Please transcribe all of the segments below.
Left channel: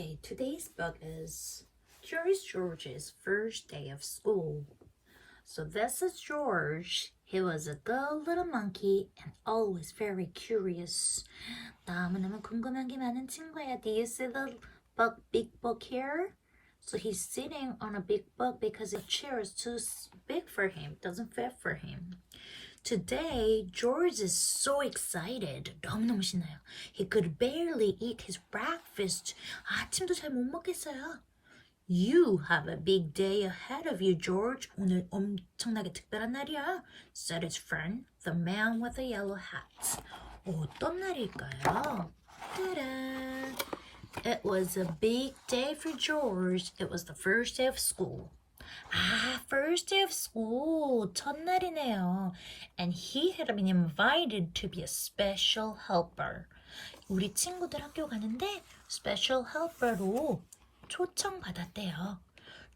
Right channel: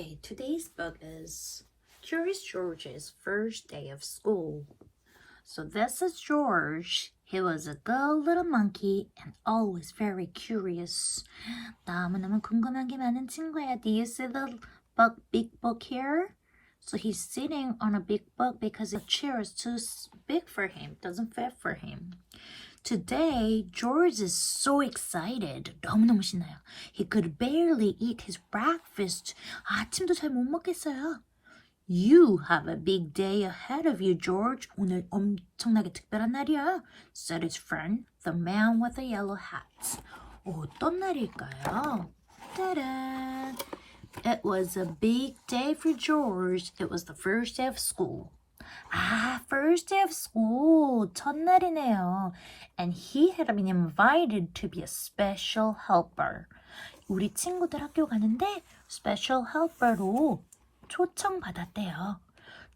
Okay, today's book is Curious George's First Day of School. So this is George. He was a good little monkey and always very curious. 너무너무 궁금한 게 많은 친구야. Do you see the big book here? So he's sitting on a big book because the chair is too big for him, doesn't fit for him. Today, George is so excited. 너무너무 신나요. He could barely eat his breakfast. 아침도 잘 못 먹겠어요. You have a big day ahead of you, George. 오늘 엄청나게 특별한 날이야, said his friend, the man with the yellow hat. 어떤 날일까요? Ta-da! It was a big day for George. It was the first day of school. First day of school. 첫날이네요. And he had been invited to be a special helper. 우리 친구들 학교 가는데 special helper로 초청받았대요.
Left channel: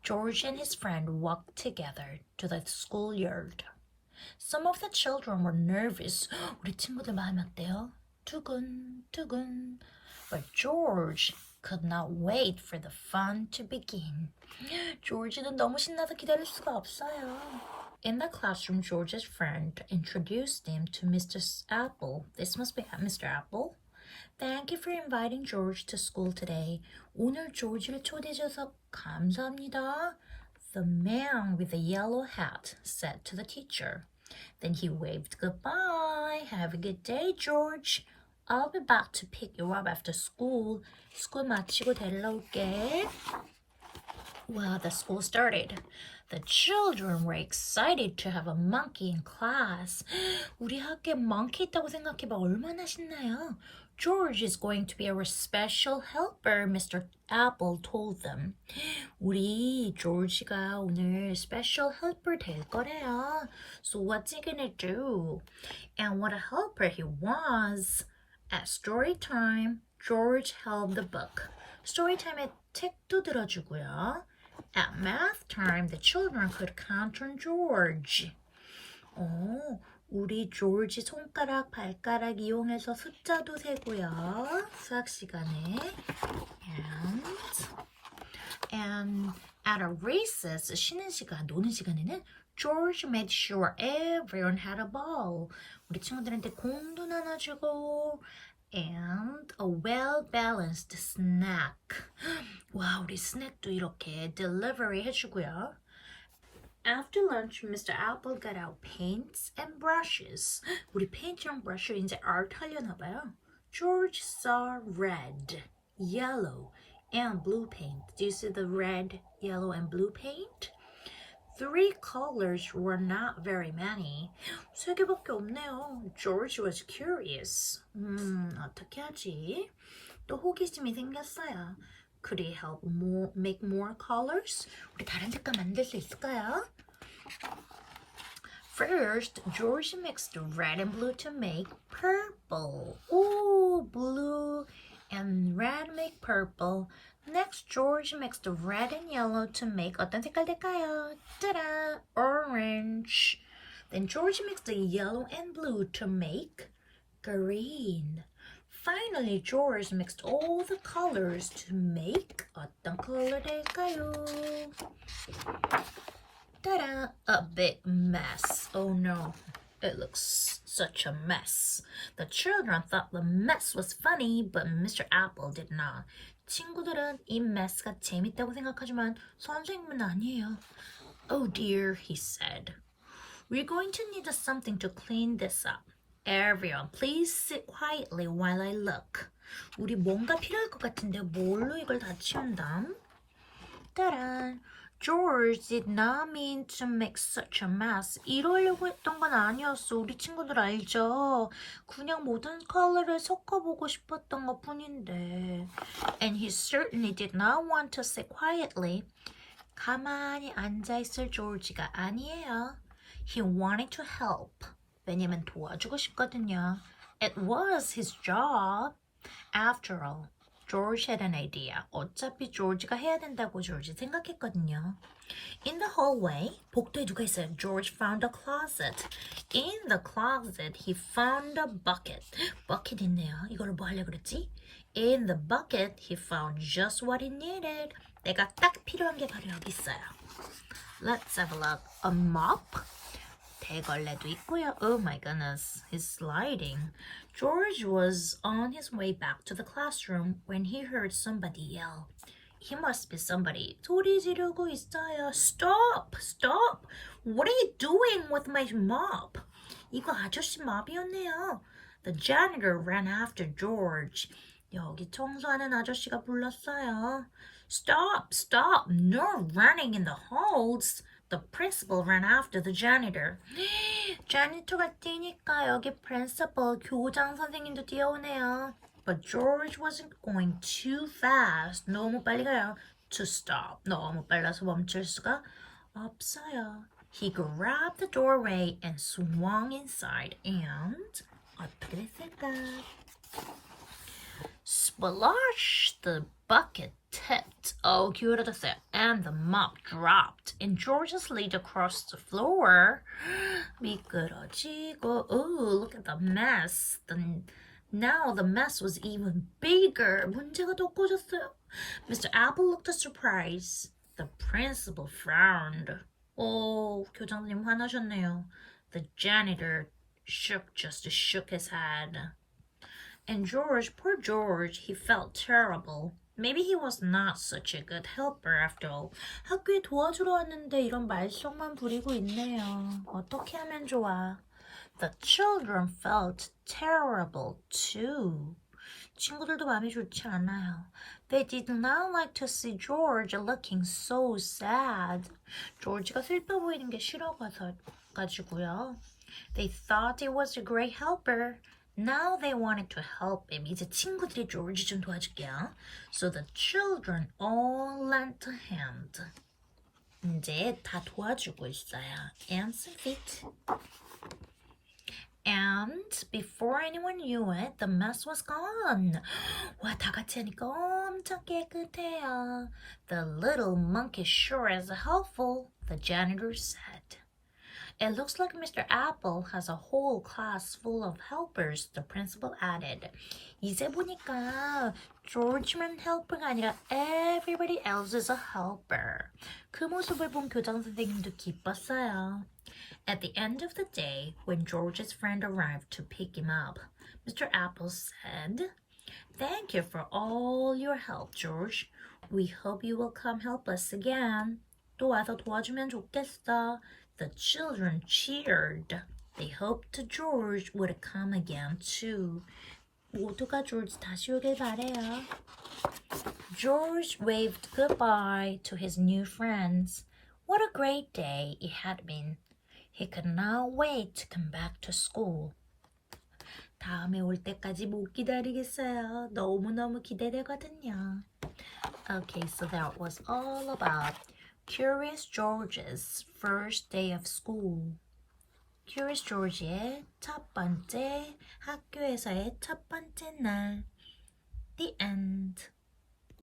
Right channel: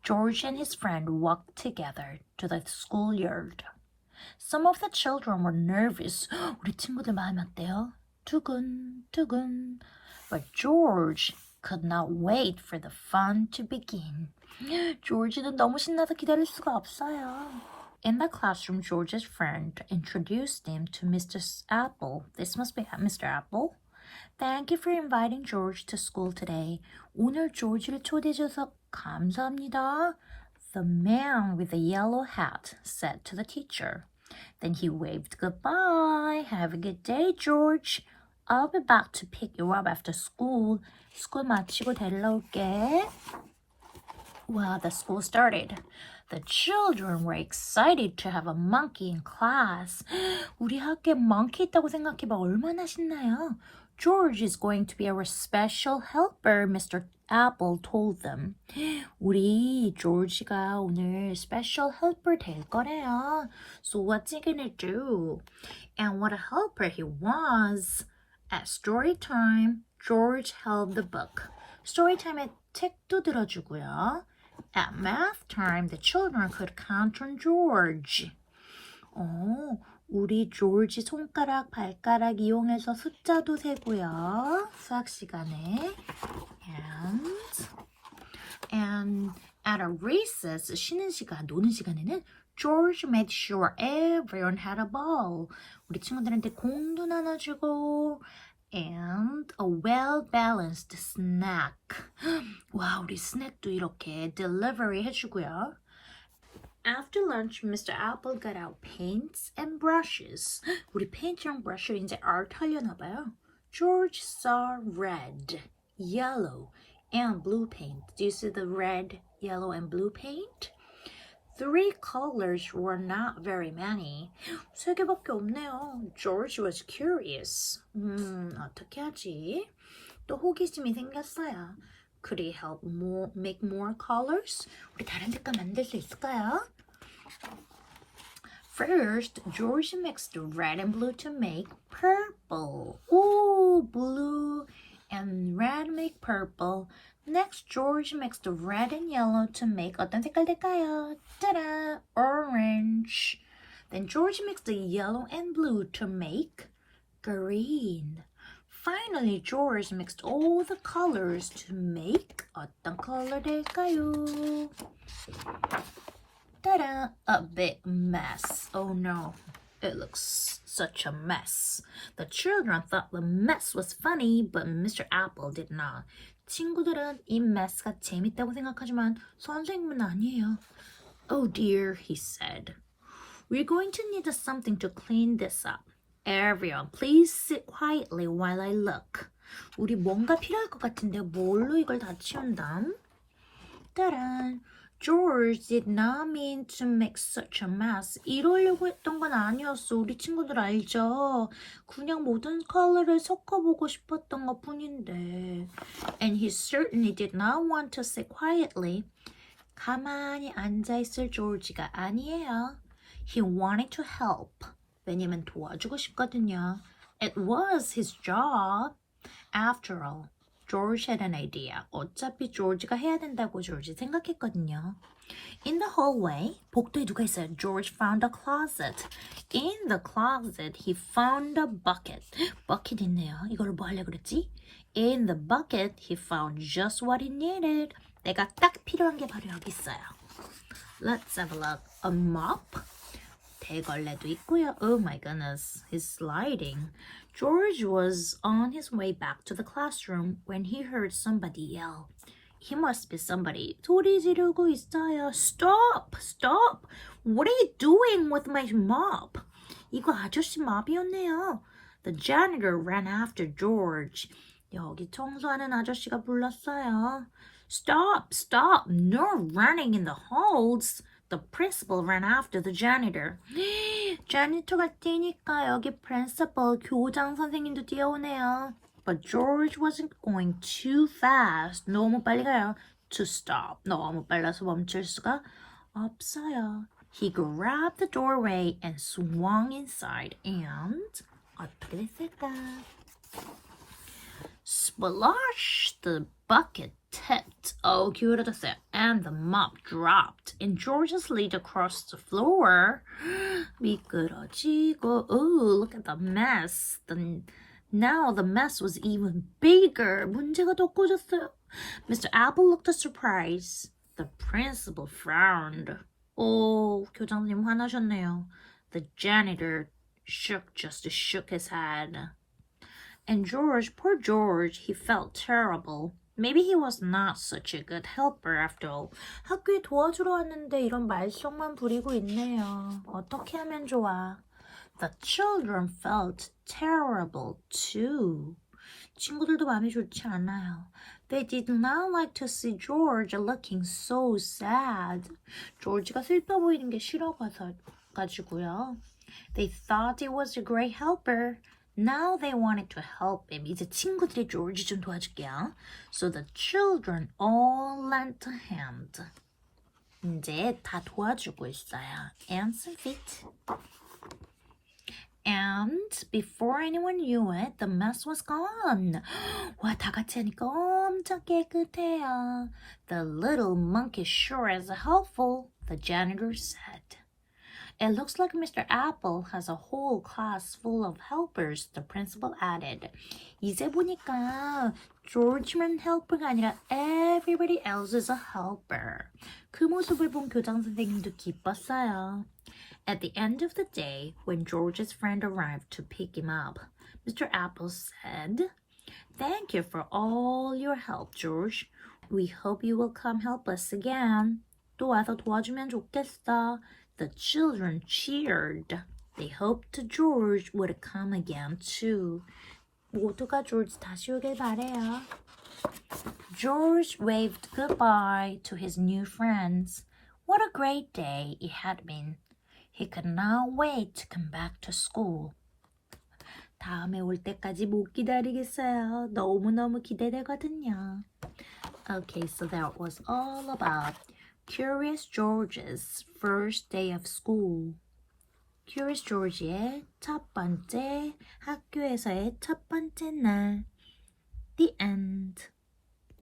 George and his friend walked together to the schoolyard. Some of the children were nervous. 우리 친구들 마음이 어때요? 두근두근. But George could not wait for the fun to begin. George는 너무 신나서 기다릴 수가 없어요. In the classroom, George's friend introduced him to Mr. Apple. This must be Mr. Apple. Thank you for inviting George to school today. 오늘 조지를 초대해줘서 감사합니다. The man with the yellow hat said to the teacher. Then he waved goodbye. Have a good day, George. I'll be back to pick you up after school. 스쿨 마치고 데리러 올게. Well, the school started. The children were excited to have a monkey in class. 우리 학교에 monkey 있다고 생각해봐. 얼마나 신나요? George is going to be our special helper, Mr. Apple told them. 우리 조지가 오늘 special helper 될 거래요. So what's he gonna do? And what a helper he was. At story time, George held the book. Story time에 책도 들어주고요. At math time, the children could count on George. 우리 조지 손가락, 발가락 이용해서 숫자도 세고요. 수학 시간에. And at a recess, 쉬는 시간, 노는 시간에는 George made sure everyone had a ball. 우리 친구들한테 공도 나눠주고 and a well-balanced snack. 와, 우리 스낵도 이렇게 delivery 해주고요. After lunch, Mr. Apple got out paints and brushes. 우리 페인트랑 브러쉬를 이제 아트 하려나 봐요. George saw red, yellow, and blue paint. Do you see the red, yellow, and blue paint? 3 colors were not very many. 3개밖에 없네요. George was curious. 어떻게 하지? 또 호기심이 생겼어요. Could he help make more colors? 우리 다른 색깔 만들 수 있을까요? First, George mixed red and blue to make purple. Blue and red make purple. Next, George mixed red and yellow to make 어떤 색깔 될까요? Ta-da! Orange. Then George mixed the yellow and blue to make green. Finally, George mixed all the colors to make 어떤 컬러 될까요? Ta-da! A big mess. Oh no, it looks such a mess. The children thought the mess was funny, but Mr. Apple did not. 친구들은 이 mess가 재밌다고 생각하지만 선생님은 아니에요. Oh dear, he said. We're going to need something to clean this up. Everyone, please sit quietly while I look. 우리 뭔가 필요할 것 같은데 뭘로 이걸 다 치운담? 따란! George did not mean to make such a mess. 이러려고 했던 건 아니었어. 우리 친구들 알죠? 그냥 모든 컬러를 섞어보고 싶었던 것 뿐인데. And he certainly did not want to sit quietly. 가만히 앉아있을 조지가 아니에요. He wanted to help. 왜냐면 도와주고 싶거든요. It was his job. After all, George had an idea. 어차피 조지가 해야 된다고 조지 생각했거든요. In the hallway, 복도에 누가 있어요? George found a closet. In the closet, he found a bucket. 버킷 있네요. 이걸 뭐 하려고 그랬지? In the bucket, he found just what he needed. 내가 딱 필요한 게 바로 여기 있어요. Let's have a look. A mop. 대걸레도 있고요. Oh my goodness, he's sliding. George was on his way back to the classroom when he heard somebody yell. He must be somebody. 소리 지르고 있어요. Stop! Stop! What are you doing with my mop? 이거 아저씨 mop이었네요. The janitor ran after George. 여기 청소하는 아저씨가 불렀어요. Stop! Stop! No running in the halls. The principal ran after the janitor. 자니터가 뛰니까 여기 principal, 교장 선생님도 뛰어오네요. But George wasn't going too fast. 너무 빨리 가요. To stop. 너무 빨라서 멈출 수가 없어요. He grabbed the doorway and swung inside. And 어떻게 됐을까? Splash! The bucket tipped. 기울어졌어요. And the mop dropped. And George slid across the floor. 미끄러지고. Oh, look at the mess. Now the mess was even bigger. 문제가 더 커졌어요. Mr. Apple looked surprised. The principal frowned. 교장님 화나셨네요. The janitor shook his head. And George, poor George, he felt terrible. Maybe he was not such a good helper after all. 학교에 도와주러 왔는데 이런 말썽만 부리고 있네요. 어떻게 하면 좋아? The children felt terrible too. 친구들도 마음이 좋지 않아요. They did not like to see George looking so sad. 조지가 슬퍼 보이는 게 싫어가지고요. They thought he was a great helper. Now they wanted to help him. 이제 친구들이 조지 좀 도와줄게요. So the children all lent a hand. 이제 다 도와주고 있어요. Hands and feet. And before anyone knew it, the mess was gone. 와, 다 같이 하니까 엄청 깨끗해요. The little monkey sure is helpful, the janitor said. It looks like Mr. Apple has a whole class full of helpers, the principal added. 이제 보니까 George만 helper가 아니라 everybody else is a helper. 그 모습을 본 교장 선생님도 기뻤어요. At the end of the day, when George's friend arrived to pick him up, Mr. Apple said, Thank you for all your help, George. We hope you will come help us again. 또 와서 도와주면 좋겠어. The children cheered. They hoped George would come again too. 모두가 George 다시 오길 바래요. George waved goodbye to his new friends. What a great day it had been. He could not wait to come back to school. 다음에 올 때까지 못 기다리겠어요. 너무너무 기대되거든요. Okay, so that was all about Curious George's first day of school. Curious George의 첫 번째 학교에서의 첫 번째 날. The end.